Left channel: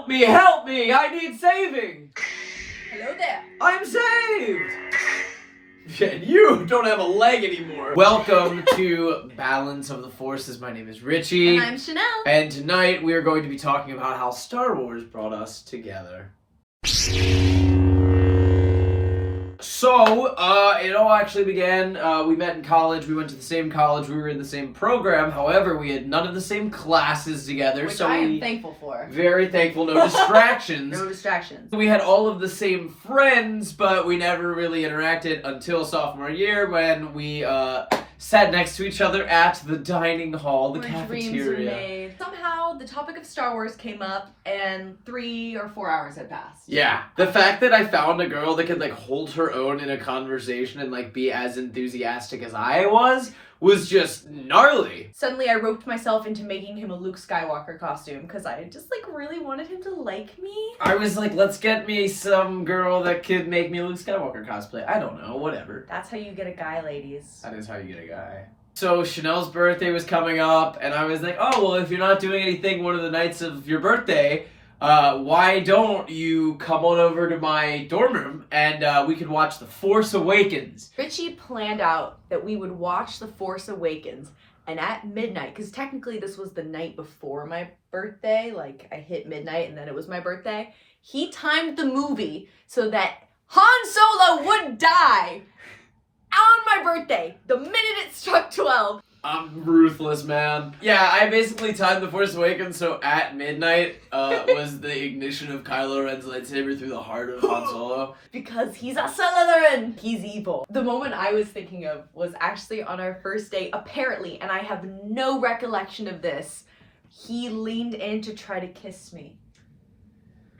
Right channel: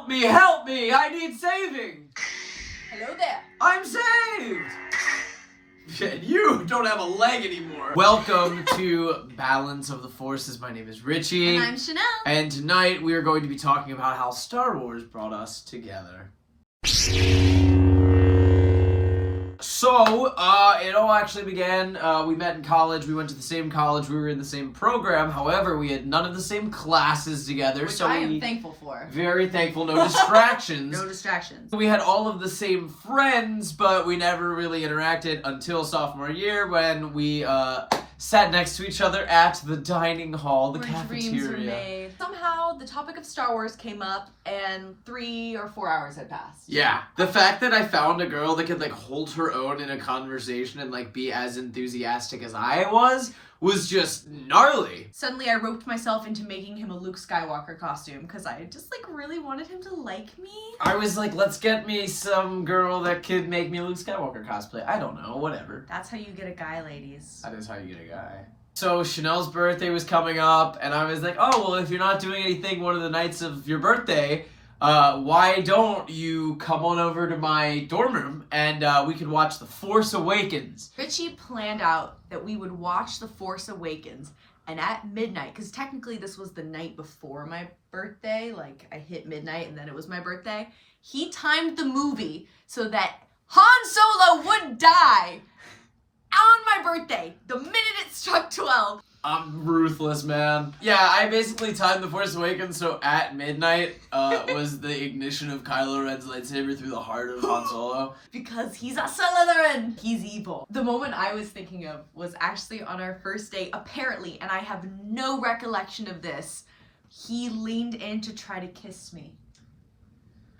Help me! I need saving! Hello there. I'm saved! And you don't have a leg anymore. Welcome to Balance of the Forces. My name is Richie. And I'm Chanel. And tonight we are going to be talking about how Star Wars brought us together. So, it all actually began, we met in college, we went to the same college, we were in the same program, however, we had none of the same classes together. Which I am thankful for. Very thankful, no distractions. No distractions. We had all of the same friends, but we never really interacted until sophomore year when we, sat next to each other at the dining hall, the cafeteria. Dreams were made. Somehow, the topic of Star Wars came up, and 3 or 4 hours had passed. Yeah. The fact that I found a girl that could, like, hold her own in a conversation and, like, be as enthusiastic as I was just gnarly. Suddenly, I roped myself into making him a Luke Skywalker costume, because I just, like, really wanted him to like me. I was like, let's get me some girl that could make me a Luke Skywalker cosplay. I don't know, whatever. That's how you get a guy, ladies. That is how you get a guy. So Chanel's birthday was coming up, and I was like, oh, well, if you're not doing anything one of the nights of your birthday, why don't you come on over to my dorm room and we could watch The Force Awakens. Richie planned out that we would watch The Force Awakens, and at midnight, because technically this was the night before my birthday, like I hit midnight and then it was my birthday, he timed the movie so that Han Solo would die on my birthday, the minute it struck 12. I'm ruthless, man. Yeah, I basically timed The Force Awakens so at midnight was the ignition of Kylo Ren's lightsaber through the heart of Han Solo. Because he's a Slytherin. He's evil. The moment I was thinking of was actually on our first date, apparently, and I have no recollection of this. He leaned in to try to kiss me.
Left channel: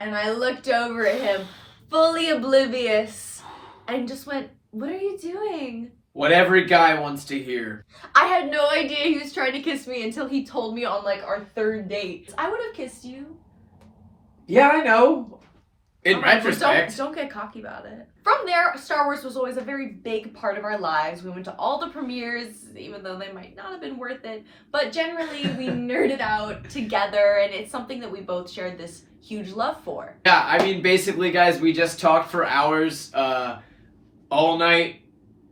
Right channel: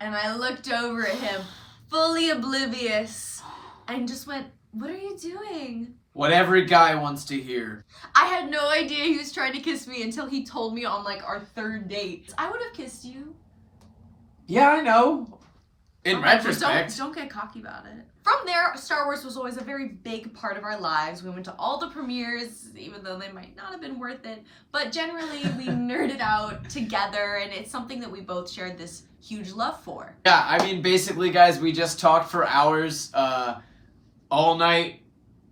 And I looked over at him, fully oblivious, and just went, "What are you doing?" What every guy wants to hear. I had no idea he was trying to kiss me until he told me on, like, our third date. I would have kissed you. Yeah, I know. In Alright, retrospect. don't get cocky about it. From there, Star Wars was always a very big part of our lives. We went to all the premieres, even though they might not have been worth it. But generally, we nerded out together, and it's something that we both shared this huge love for. Yeah, I mean, basically, guys, we just talked for hours, all night.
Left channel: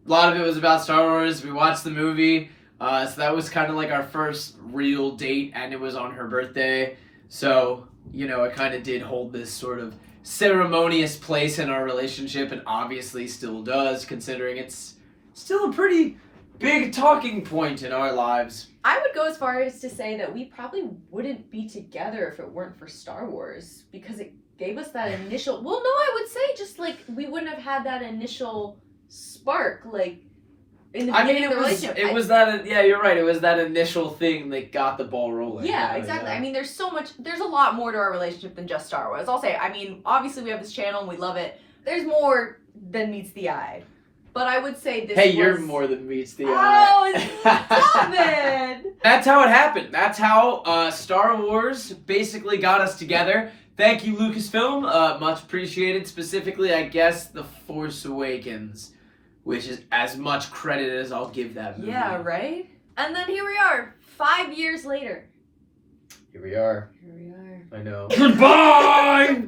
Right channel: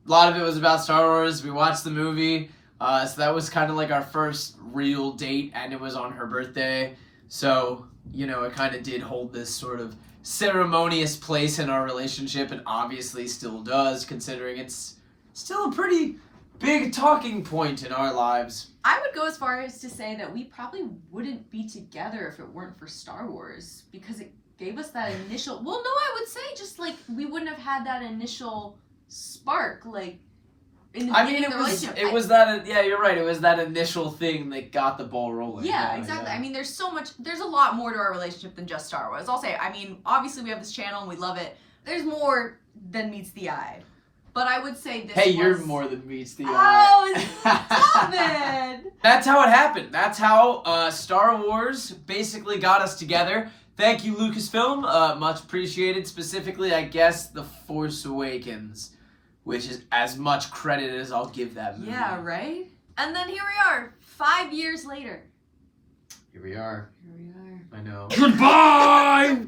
A lot of it was about Star Wars. We watched the movie. So that was kind of like our first real date, and it was on her birthday. So, you know, it kind of did hold this sort of ceremonious place in our relationship, and obviously still does, considering it's still a pretty big talking point in our lives. I would go as far as to say that we probably wouldn't be together if it weren't for Star Wars, because it gave us that initial, well, no, I would say just like we wouldn't have had that initial spark, like, in the beginning of the relationship. It was that, yeah, you're right. It was that initial thing that got the ball rolling. Yeah, exactly. Yeah. I mean, there's a lot more to our relationship than just Star Wars. I'll say, I mean, obviously we have this channel and we love it. There's more than meets the eye. But I would say this Hey, you're more than meets the eye. Oh, stop it! That's how it happened. That's how Star Wars basically got us together. Thank you, Lucasfilm. Much appreciated. Specifically, I guess, The Force Awakens, which is as much credit as I'll give that movie. Yeah, right? And then here we are, 5 years later. Here we are. Here we are. I know. Goodbye!